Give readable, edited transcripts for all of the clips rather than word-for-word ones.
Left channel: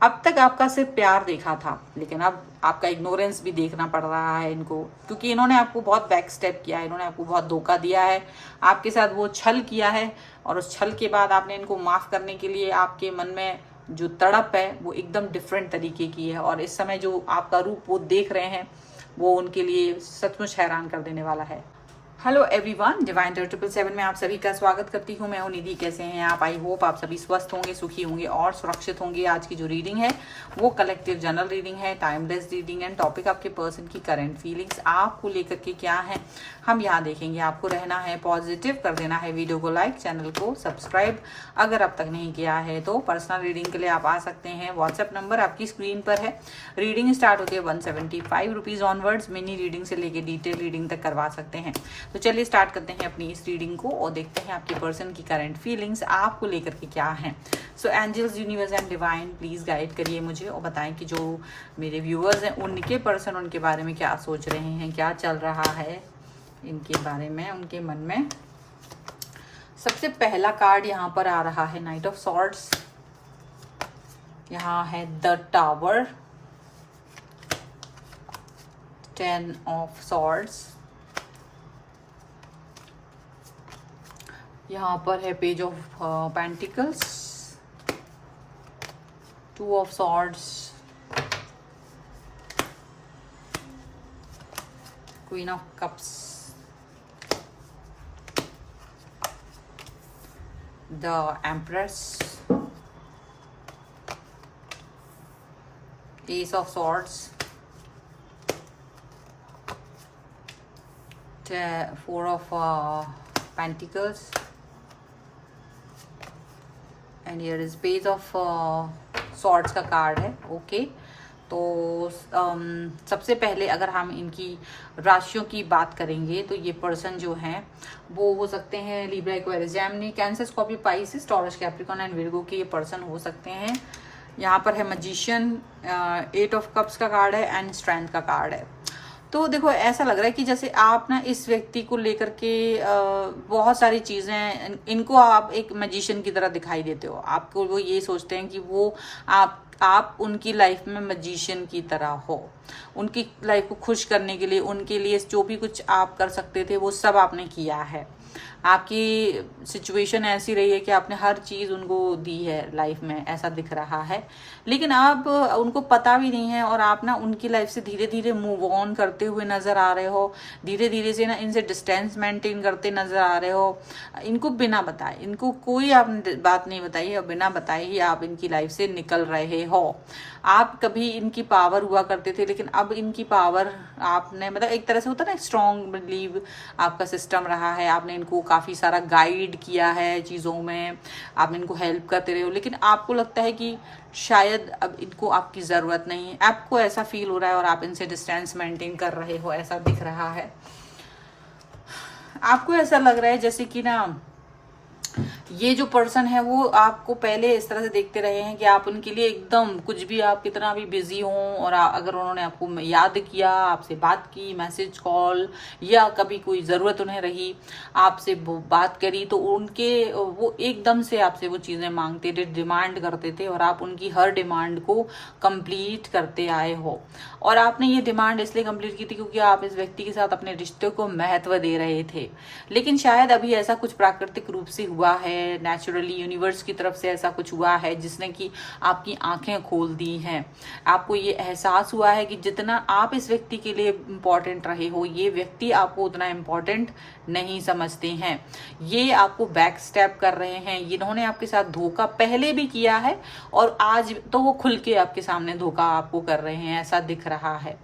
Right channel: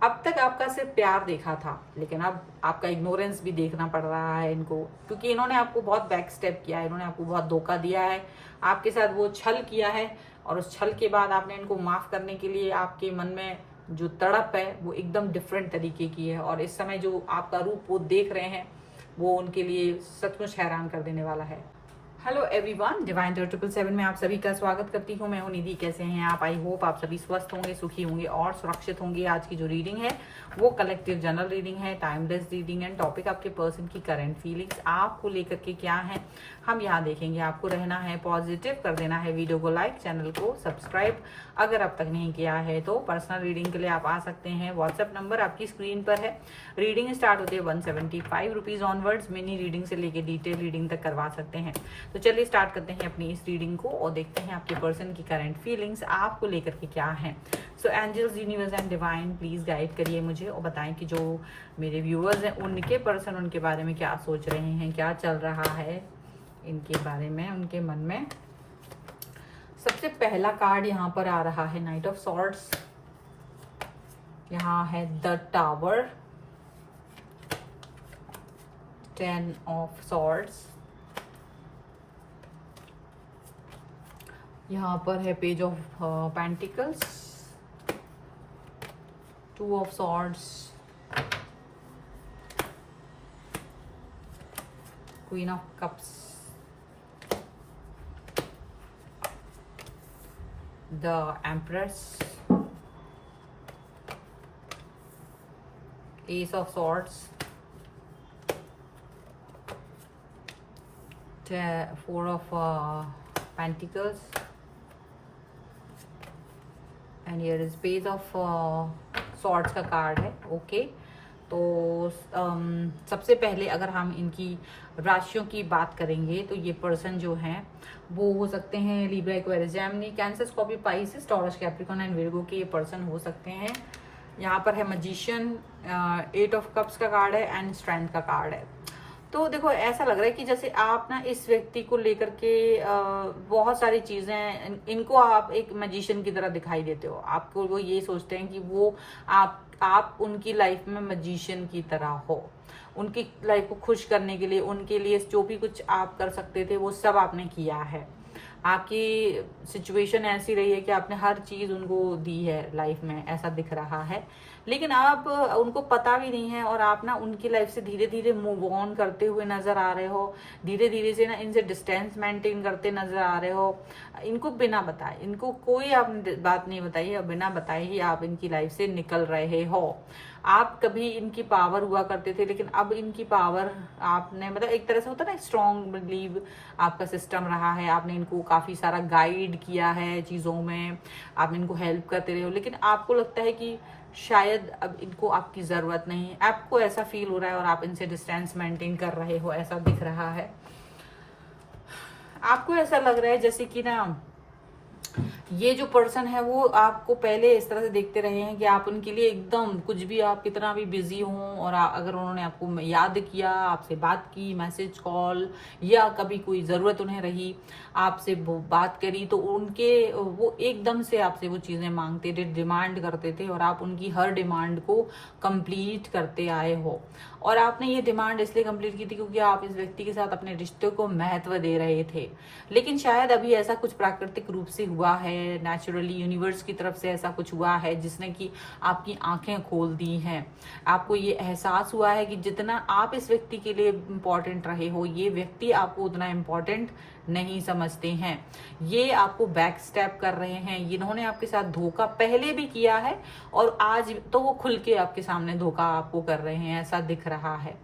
अब तक आपका सिर्फ प्यार देखा था, लेकिन अब आपका इग्नोरेंस भी देखना पड़ रहा है इनको, क्योंकि इन्होंने आपको बहुत बैक स्टेप किया है, इन्होंने आपको बहुत धोखा दिया है, आपके साथ वो छल किया है। और उस छल के बाद आपने इनको माफ करने के लिए आपके मन में जो तड़प है वो एकदम डिफरेंट तरीके की है। और इस समय जो आपका रूप वो देख रहे हैं वो उनके लिए सचमुच हैरान कर देने वाला है। हेलो एवरीवन, डिवाइन 777 में आप सभी का स्वागत करती हूँ। मैं हूँ निधि। कैसे हैं आप? आई होप आप सभी स्वस्थ होंगे, सुखी होंगे और सुरक्षित होंगे। आज की जो रीडिंग है वो कलेक्टिव जनरल रीडिंग है, टाइमलेस रीडिंग एंड टॉपिक आपके पर्सन की करंट फीलिंग्स आपको लेकर के क्या है हम यहाँ देखेंगे। आपको रहना है पॉजिटिव, कर देना है वीडियो को लाइक, चैनल को सब्सक्राइब अगर अब तक नहीं किया है तो। पर्सनल रीडिंग के लिए आप आ सकते हैं, व्हाट्सएप नंबर आपकी स्क्रीन पर है। रीडिंग स्टार्ट होती है 175 रुपीज ऑनवर्ड्स। मिनी रीडिंग से लेके डिटेल रीडिंग तक करवा सकते हैं। तो चलिए स्टार्ट करते हैं अपनी इस रीडिंग को और देखते हैं आपके पर्सन की करंट फीलिंग्स आपको लेकर के क्या है। So angels, universe and divine, please guide करिए मुझे और बताएं कि जो मेरे व्यूअर्स हैं उनके पर्सन उनके बारे में क्या सोच रहे हैं, क्या चल रहा है इनके बारे में, उनके मन में। सबसे पहला कार्ड यहाँ पर आ रहा है नाइट ऑफ सॉर्ड्स, यहाँ है द टावर, 10 ऑफ सॉर्ड्स, यहाँ पर है page of pentacles, 2 of swords, queen of cups, the empress, S of swords, 4 of pentacles, and here is page of swords का कार्ड है। ओके तो सबसे पहले अगर हम इनकी राशियों की बात करेंगे तो ये पर्सन जो हैं वो हो सकते हैं Libra, Aquarius, Gemini, cancer, Scorpio, Pisces, taurus, Capricorn and Virgo के ये पर्सन हो सकते हैं। यहाँ पर है मैजिशियन, 8 ऑफ कप्स का कार्ड है एंड स्ट्रेंथ का कार्ड है। तो देखो ऐसा लग रहा है कि जैसे आप ना इस व्यक्ति को लेकर के बहुत सारी चीज़ें, इनको आप एक मैजिशियन की तरह दिखाई देते हो। आपको वो ये सोचते हैं कि वो आप उनकी लाइफ में मैजिशियन की तरह हो। उनकी लाइफ को खुश करने के लिए, उनके लिए जो भी कुछ आप कर सकते थे वो सब आपने किया है। आपकी सिचुएशन ऐसी रही है कि आपने हर चीज़ उनको दी है लाइफ में, ऐसा दिख रहा है। लेकिन आप उनको पता भी नहीं है और आप ना उनकी लाइफ से धीरे धीरे मूव ऑन करते हुए नज़र आ रहे हो, धीरे धीरे से ना इनसे डिस्टेंस मेंटेन करते नज़र आ रहे हो। इनको बिना बताए, इनको कोई आपने बात नहीं बताई और बिना बताए ही आप इनकी लाइफ से निकल रहे हो। आप कभी इनकी पावर हुआ करते थे, लेकिन अब इनकी पावर आपने, मतलब एक तरह से होता है ना, स्ट्रॉन्ग बिलीव आपका सिस्टम रहा है। आपने इनको काफ़ी सारा गाइड किया है चीज़ों में, आपने इनको हेल्प करते रहे हो, लेकिन आपको लगता है कि शायद अब इनको आपकी ज़रूरत नहीं है। आपको ऐसा फील हो रहा है और आप इनसे डिस्टेंस मेंटेन कर रहे हो, ऐसा दिख रहा है। आपको ऐसा लग रहा है जैसे कि ना ये जो पर्सन है वो आपको पहले इस तरह से देखते रहे हैं कि आप उनके लिए एकदम कुछ भी, आप कितना भी बिजी हों और अगर उन्होंने आपको याद किया, आपसे बात की, मैसेज, कॉल, या कभी कोई ज़रूरत उन्हें रही, आपसे बात करी, तो उनके वो एकदम से आपसे वो चीज़ें मांगते थे, डिमांड करते थे और आप उनकी हर डिमांड को कंप्लीट करते आए हो। और आपने ये डिमांड इसलिए कंप्लीट की थी क्योंकि आप इस व्यक्ति के साथ अपने रिश्ते को महत्व दे रहे थे। लेकिन शायद अभी ऐसा कुछ प्राकृतिक रूप से हुआ है, नेचुरली यूनिवर्स की तरफ से ऐसा कुछ हुआ है जिसने कि आपकी आंखें खोल दी हैं। आपको ये एहसास हुआ है कि जितना आप इस व्यक्ति के लिए इम्पोर्टेंट रहे हो, ये व्यक्ति आपको उतना इम्पोर्टेंट नहीं समझते हैं। ये आपको बैक स्टेप कर रहे हैं। इन्होंने आपके साथ धोखा पहले भी किया है और आज तो वो खुल के आपके सामने धोखा आपको कर रहे हैं, ऐसा दिख रहा है।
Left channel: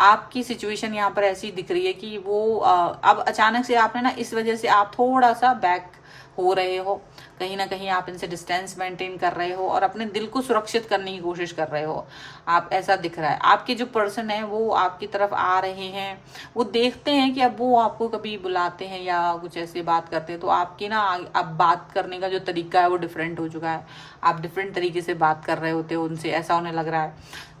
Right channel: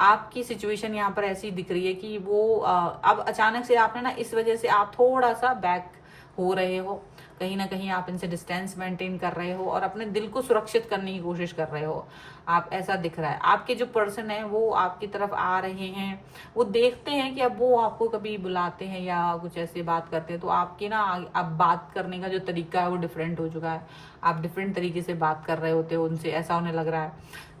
आपकी सिचुएशन यहाँ पर ऐसी दिख रही है कि वो अब अचानक से आपने ना, इस वजह से आप थोड़ा सा बैक हो रहे हो, कहीं ना कहीं आप इनसे डिस्टेंस मेंटेन कर रहे हो और अपने दिल को सुरक्षित करने की कोशिश कर रहे हो। आप, ऐसा दिख रहा है। आपके जो पर्सन है वो आपकी तरफ आ रहे हैं, वो देखते हैं कि अब वो आपको कभी बुलाते हैं या कुछ ऐसे बात करते हैं तो आपकी ना अब बात करने का जो तरीका है वो डिफरेंट हो चुका है। आप डिफरेंट तरीके से बात कर रहे होते हो उनसे, ऐसा उन्हें लग रहा है।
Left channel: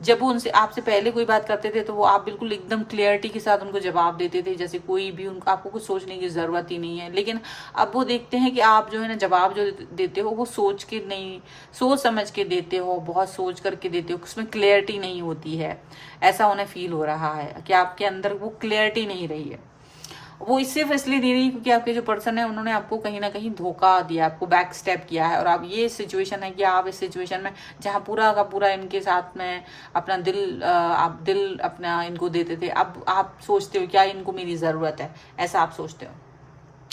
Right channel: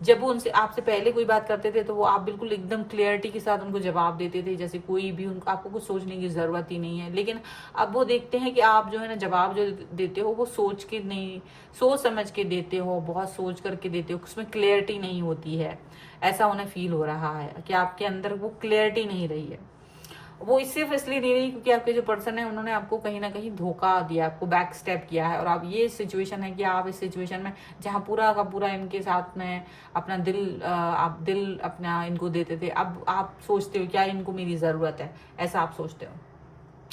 जब वो उनसे आपसे पहले कोई बात करते थे तो वो आप बिल्कुल एकदम क्लियरिटी के साथ उनको जवाब देते थे, जैसे कोई भी उनको, आपको कुछ सोचने की ज़रूरत ही नहीं है। लेकिन अब वो देखते हैं कि आप जो है ना जवाब जो देते हो वो सोच के नहीं, सोच समझ के देते हो, बहुत सोच करके देते हो, उसमें क्लियरिटी नहीं होती है। ऐसा उन्हें फील हो रहा है कि आपके अंदर वो क्लियरिटी नहीं रही है। वो सिर्फ इसलिए दे रही है क्योंकि आपके जो पर्सन है उन्होंने आपको कहीं ना कहीं धोखा दिया, आपको बैक स्टेप किया है। और आप ये सिचुएशन है कि आप इस सिचुएशन में जहाँ पूरा का पूरा इनके साथ में अपना आप दिल अपना इनको देते थे, अब आप सोचते हो क्या इनको मेरी ज़रूरत है, ऐसा आप सोचते हो।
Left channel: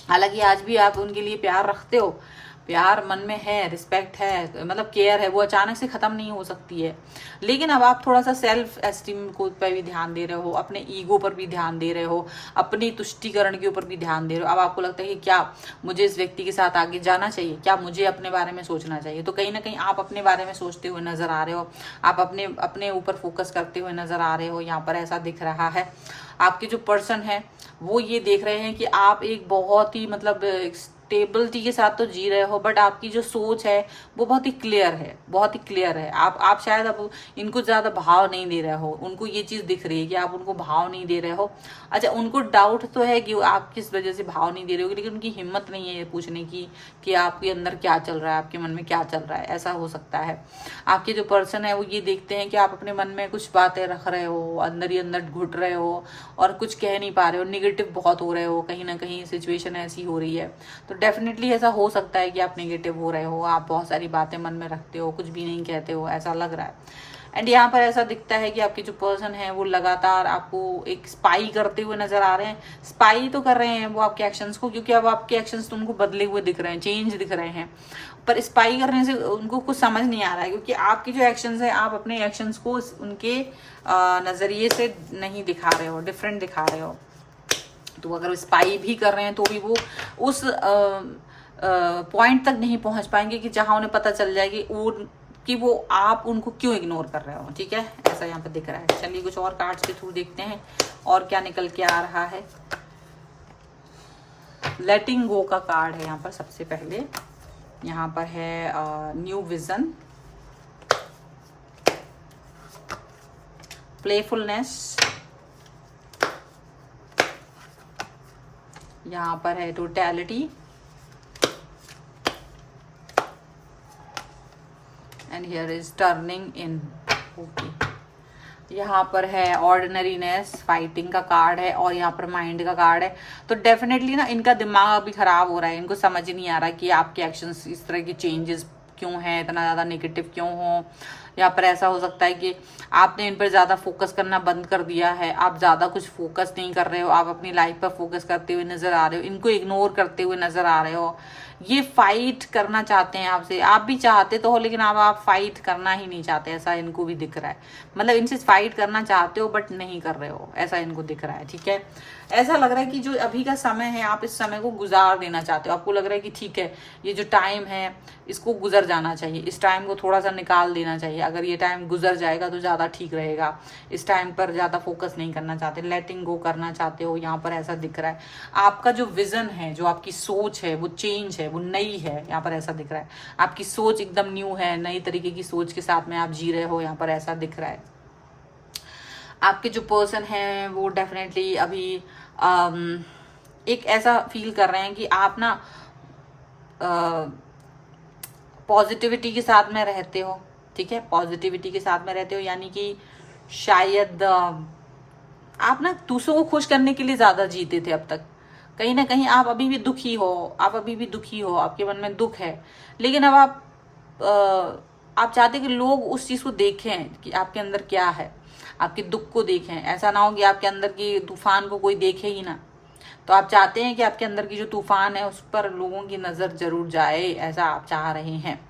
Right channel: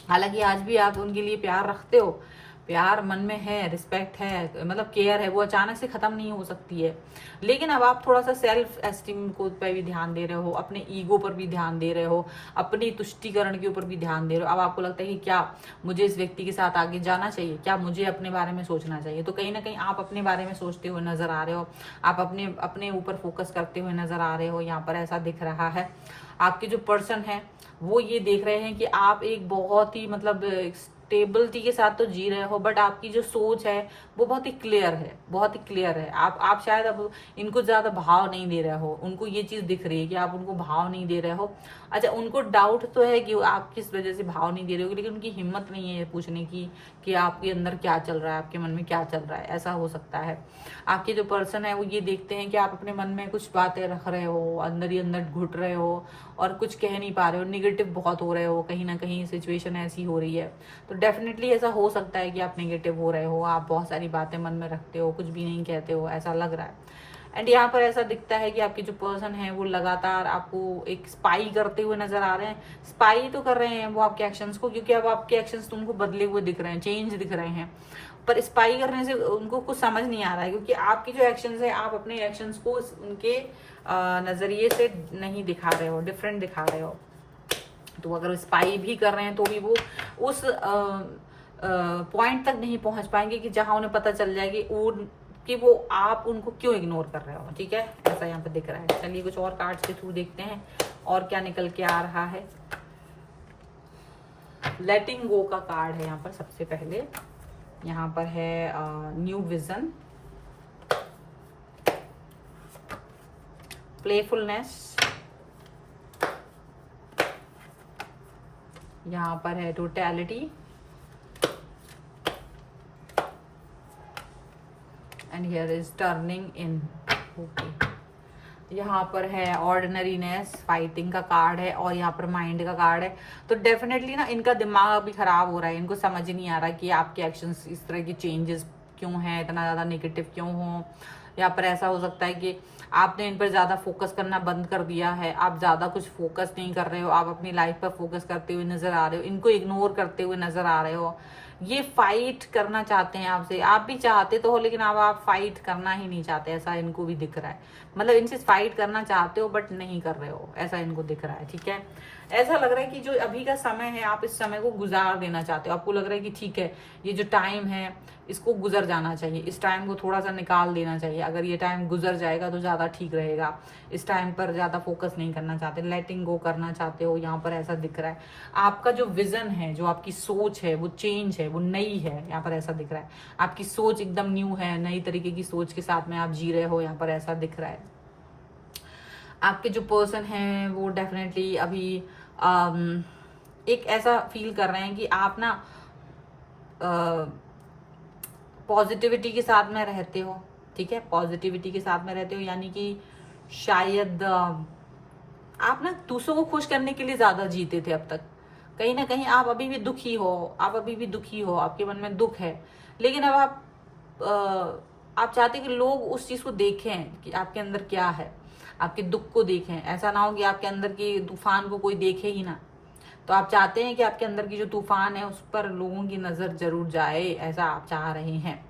हालांकि आज भी आप उनके लिए प्यार रखते हो, प्यार मन में है, रिस्पेक्ट है, मतलब केयर है, वो अचानक से खत्म नहीं हो सकती है। लेकिन अब आप थोड़ा सा सेल्फ एस्टीम को पर भी ध्यान दे रहे हो, अपने ईगो पर भी ध्यान दे रहे हो, अपनी तुष्टिकरण के ऊपर भी ध्यान दे रहे हो। अब आपको लगता है कि क्या मुझे इस व्यक्ति के साथ आगे जाना चाहिए, क्या मुझे अपने बारे में सोचना चाहिए। तो कहीं ना कहीं आप अपने बारे में सोचते हुए नजर आ रहे हो, आप अपने ऊपर फोकस करते हुए नजर आ रहे हो। यहाँ पर ऐसा दिख रहा है। आपके जो पर्सन है वो ये देख रहे हैं कि आप एक बहुत ही मतलब स्टेबिलिटी के साथ तो जी रहे हो, बट आपकी जो सोच है वो बहुत ही क्लियर है, बहुत ही क्लियर है। आप शायद अब इनको ज्यादा भाव नहीं दे रहे हो, उनको ये चीज दिख रही है कि आप उनको भाव नहीं दे रहे हो। अच्छा, उनको डाउट तो है कि आप किस वजह से भाव नहीं दे रहे हो, लेकिन उनकी हिम्मत नहीं है पूछने की कि आपके अंदर क्या चल रहा है, आपके मन में क्या चल रहा है। ऐसा हो सकता है। आपके जो पर्सन है वो ये देखते हैं कि आप अपने मन में कुछ बातें रख रहे हो, अंदर ही अंदर घुट रहे हो और कुछ कह नहीं पा रहे हो, निगेटिव बहुत हो रहे हो, कहीं ना कहीं सिचुएशन ऐसी हो रही है। तो डेफिनेटली ऐसा हो सकता है कि आप नेगेटिव हो रहे हो, आप बहुत सारी बातें मन में रखते हो, कुछ भी नहीं कहते हो, ऐसा लग रहा है। एंड यहाँ पर ऐसा दिखता है कि आपके जो पर्सन है वो लगातार आपको एक स्पाई करते हुए नजर आ रहे हैं। स्पाई तो कर रहे हैं वो आपके एक्शंस को, क्योंकि अब आपके एक्शंस तो उनको बदले हुए दिख रहे हैं, चेंज दिख रहे हैं। पर स्पाई करने से उनको कुछ समझ नहीं आ रहा है, क्योंकि आपकी जो एक्शंस है आप अपने एक्शंस को उनके नजरिए से नहीं दिखा रहे हो, डिफरेंट दिखा रहे हो। तो अगर स्पाई भी कर रहे हैं तो भी वो उस पॉइंट तक नहीं पहुंच पाएंगे कि जहां उन्हें पता चल जाएगी कि वो आप उनको क्यों इग्नोर कर रहे हो। ठीक है, ऐसा यहाँ पे दिख रहा है। चलिए कुछ और कार्ड्स के थ्रू देखते हैं और क्या निकल के आ रहा है। लेटिंग गो का कार्ड है यहाँ पर सबसे पहले। यहाँ पर है न्यू विजन, प्लेफुलनेस, यहाँ पर है totality, and here is turning in. Okay, यहाँ पर है ऑर्डिनरीनेस, फाइटिंग का कार्ड है, और यहाँ पर माइंड का कार्ड है। तो डेफिनेटली ना इनका दिमाग अभी खराब हो रहा है, इनको समझ ही नहीं आ रहा कि आपके एक्शंस इस तरह के चेंजेस क्यों हैं, इतना ज़्यादा नेगेटिव क्यों हो। यहाँ पर ऐसा हो सकता है कि आपने इन पर ज़्यादा फोकस करना बंद कर दिया है, आप ज़्यादा कुछ फोकस नहीं कर रहे हो, आप अपनी लाइफ पर फोकस करते हुए नजर आ रहे हो, इनको इग्नोर करते हुए नजर आ रहे हो। ये फाइट करना चाहते हैं आपसे, आप भी चाहते तो हो, लेकिन अब आप फाइट करना ही नहीं चाहते, ऐसा इनको भी दिख रहा है। मतलब इनसे फाइट करना चाहते हो बट नहीं कर रहे हो, ऐसा इनको दिख रहा है। ठीक है, ऐसा लग रहा है कि जो अभी का समय है आप इस समय को गुजार देना चाहते हो। आपको लग रहा है कि ठीक है, ये जो टाइम है इसको गुजर जाना चाहिए, इस टाइम को थोड़ा सा निकाल देना चाहिए। अगर ये टाइम गुजर जाएगा तो ज़्यादा ठीक रहेगा। इस टाइम पर ज़्यादा फोकस नहीं करना चाहते, लेटिंग गो करना चाहते हो। यहाँ पर ऐसा दिख रहा है आपका जो विजन है, जो आपकी सोच है वो चेंज है, वो नई है। यहाँ पर ऐसा दिख रहा है आपकी सोच एकदम न्यू है, नई तरीके की सोच के साथ में आप जी रहे हो। यहाँ पर ऐसा दिख रहा है आपके जो पर्सन है वो डेफिनेटली अभी एक ऐसा फील कर रहे हैं कि आप ना पॉजिटिविटी के साथ में रहते हो। ठीक है, पॉजिटिविटी के साथ में रहते हो, यानी कि शायद आप ना दूसरों को खुश करने के लिए ज्यादा जीते थे अब तक। कहीं ना कहीं आप अभी भी दुखी हो, आपके मन में दुख है, लेकिन अब आप चाहते कि लोग उस चीज को देखें कि आपके अंदर क्या है, आपके दुख को देखें। ऐसा ना हो कि आपके अंदर की तूफान को कोई देखे ही ना। तो आप चाहते हैं कि आपके अंदर की जो तूफान है उस पर लोगों की नजर जरूर जाए, ऐसा आप चाह रहे हैं।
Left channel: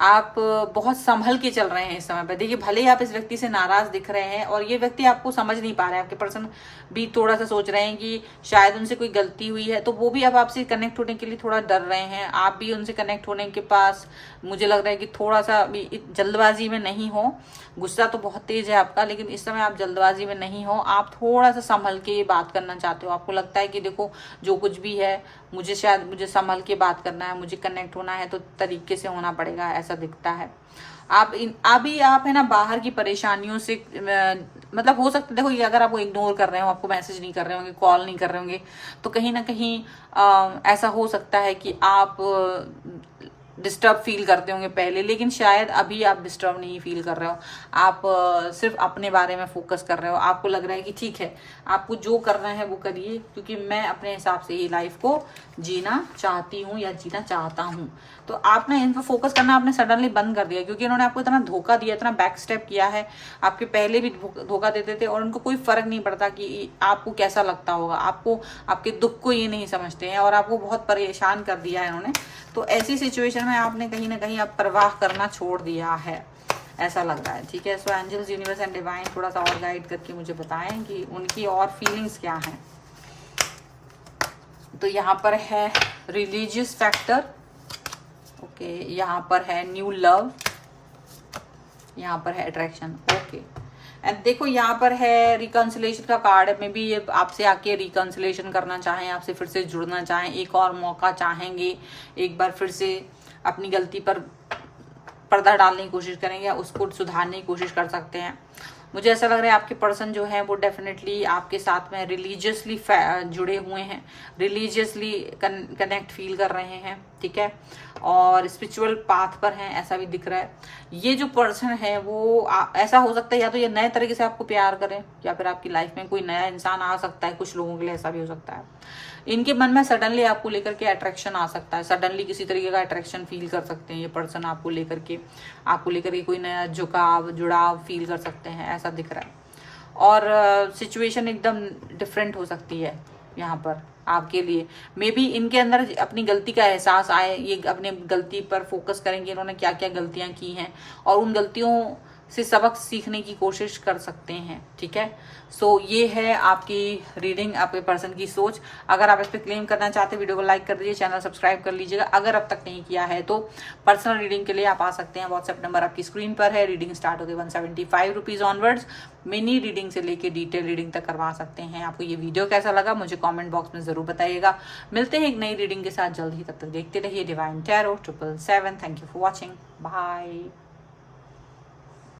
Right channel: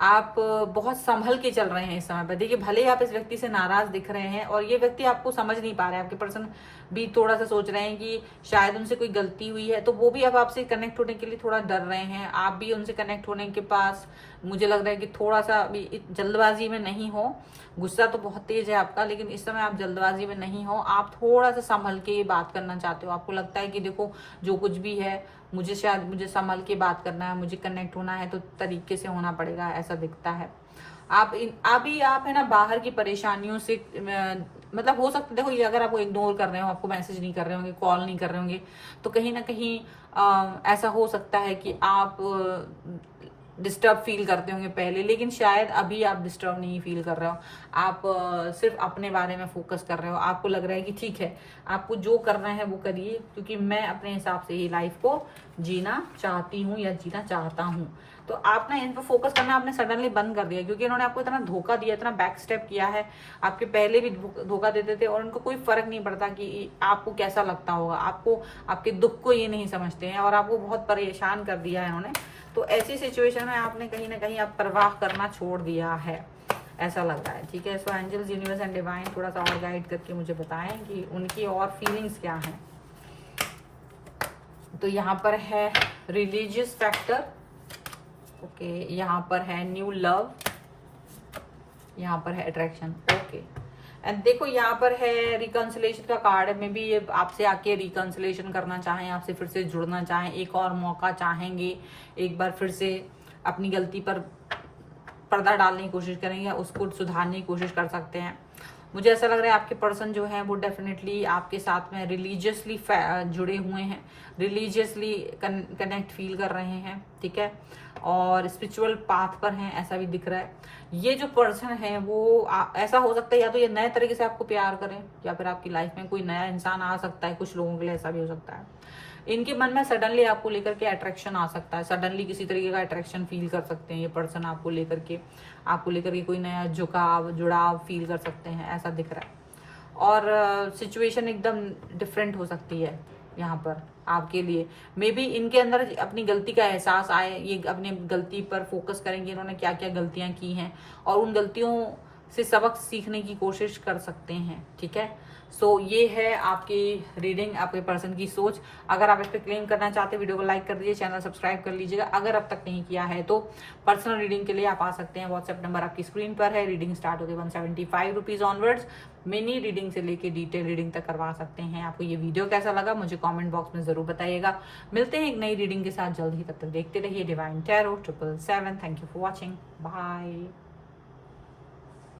आप बहुत संभल के चल रहे हैं इस समय पर। देखिए, भले ही आप इस व्यक्ति से नाराज दिख रहे हैं और ये व्यक्ति आपको समझ नहीं पा रहे हैं, आपके पर्सन भी थोड़ा सा सोच रहे हैं कि शायद उनसे कोई गलती हुई है, तो वो भी अब आपसे कनेक्ट होने के लिए थोड़ा डर रहे हैं। आप भी उनसे कनेक्ट होने के पास मुझे लग रहा है कि थोड़ा सा अभी जल्दबाजी में नहीं हो। गुस्सा तो बहुत तेज है आपका, लेकिन इस समय आप जल्दबाजी में नहीं हो, आप थोड़ा सा संभल के ये बात करना चाहते हो। आपको लगता है कि देखो जो कुछ भी है मुझे संभल के बात करना है, मुझे कनेक्ट होना है तो तरीके से होना पड़ेगा, ऐसा दिखता है। आप है ना बाहर की परेशानियों से मतलब हो सकता है, देखो ये अगर आपको इग्नोर कर रहे हो, आपको मैसेज नहीं कर रहे होंगे, कॉल नहीं कर रहे होंगे, तो कहीं ना कहीं ऐसा हो सकता है कि आप डिस्टर्ब फील करते होंगे पहले, लेकिन शायद अभी आप डिस्टर्ब नहीं फील कर रहे हो। आप सिर्फ अपने बारे में फोकस कर रहे हो। आपको लग रहा है कि ठीक है, आपको जो करना है वो करिए, क्योंकि मैं अपने हिसाब से ही लाइफ को जीना चाहती हूँ या जीना चाहता हूँ। तो आपने इन पर फोकस करना आपने सडनली बंद कर दिया, क्योंकि इन्होंने आपको इतना धोखा दिया, इतना बैक स्टेप किया है। आपके पहले भी धोखा देते थे और उनको कोई फर्क नहीं पड़ता कि आपको कैसा लगता होगा। आपको आपके दुख को ये नहीं समझते हैं और आपको बहुत परेशान कर दिया है इन्होंने। तो ऐसी सिचुएशन में आपने कहीं ना कहीं अब परवाह करना छोड़ दिया है, ऐसा लग रहा है। ठीक है, so angels, universe and divine थोड़ा सा और गाइड करके मुझे बताएं कि उनकी और फीलिंग्स क्या हैं। तो यहाँ पर है रिलीजियस फैक्टर, ओके, यहाँ पर है न्यू लव, यहाँ पर है अट्रैक्शन, ओके। एंड देखो यहाँ पर है रिकंसिलेशन का कार्ड है। मे बी आपसे आके रिकंसिलेशन करना चाहें, आपसे फिर से जुड़ना चाहें, एक और मौका चाहेंगे, एक बार फिर से अपनी गलती पर पर्दा डालने की कोशिश करेंगे, उसको सुधारने की कोशिश कर सकते हैं। मुझे ऐसा लग रहा है आपके पर्सन जो है वो डेफिनेटली आपके साथ में रिलीजियसली जुड़े हुए हैं, रिलीजियसली कनेक्ट फील कर रहे हैं, ठीक है, और स्पिरिचुअल पाथ पर हैं, ऐसा भी दिख रहा है। ये जो पर्सन है वो ऐसा हो सकता है या तो ये नए तरीके से आपको प्यार करें, या फिर आपकी लाइफ में कोई नया इंसान आ सकता है। कुछ लोगों के लिए ऐसा भी हो सकता है। इनके मन में सडनली आपको लेकर के अट्रैक्शन आ सकता है, सडनली किसी तरीके का अट्रैक्शन फील कर सकते हैं ये पर्सन आपको लेकर के कोई नया झुकाव जुड़ाव फील कर सकते हैं, ऐसा दिख रहा है। और सिचुएशन एकदम डिफरेंट हो सकती है यहाँ पर आपके लिए। मे बी इनके अंदर अपनी गलती का एहसास आए, ये अपने गलती पर फोकस करेंगे, इन्होंने क्या क्या गलतियां की हैं और उन गलतियों से सबक सीखने की कोशिश कर सकते हैं, ठीक है। सो ये है आपकी रीडिंग, आपके पर्सन की सोच। अगर आप इस पर क्लेम करना चाहते हैं, वीडियो को लाइक कर दीजिए, चैनल सब्सक्राइब कर लीजिएगा। अगर अब तक नहीं किया है तो पर्सनल रीडिंग के लिए आप आ सकते हैं, व्हाट्सएप नंबर आपकी स्क्रीन पर है। रीडिंग स्टार्ट होगी 175 रुपीज ऑनवर्ड्स। मिनी रीडिंग से लेके डिटेल रीडिंग तक करवा सकते हैं। आपको ये वीडियो कैसा लगा मुझे कॉमेंट बॉक्स में जरूर बताइएगा। मिलते हैं एक नई रीडिंग के साथ जल्द ही, तब तक देखते रहिए divine tarot 777। Thank you for watching, bye.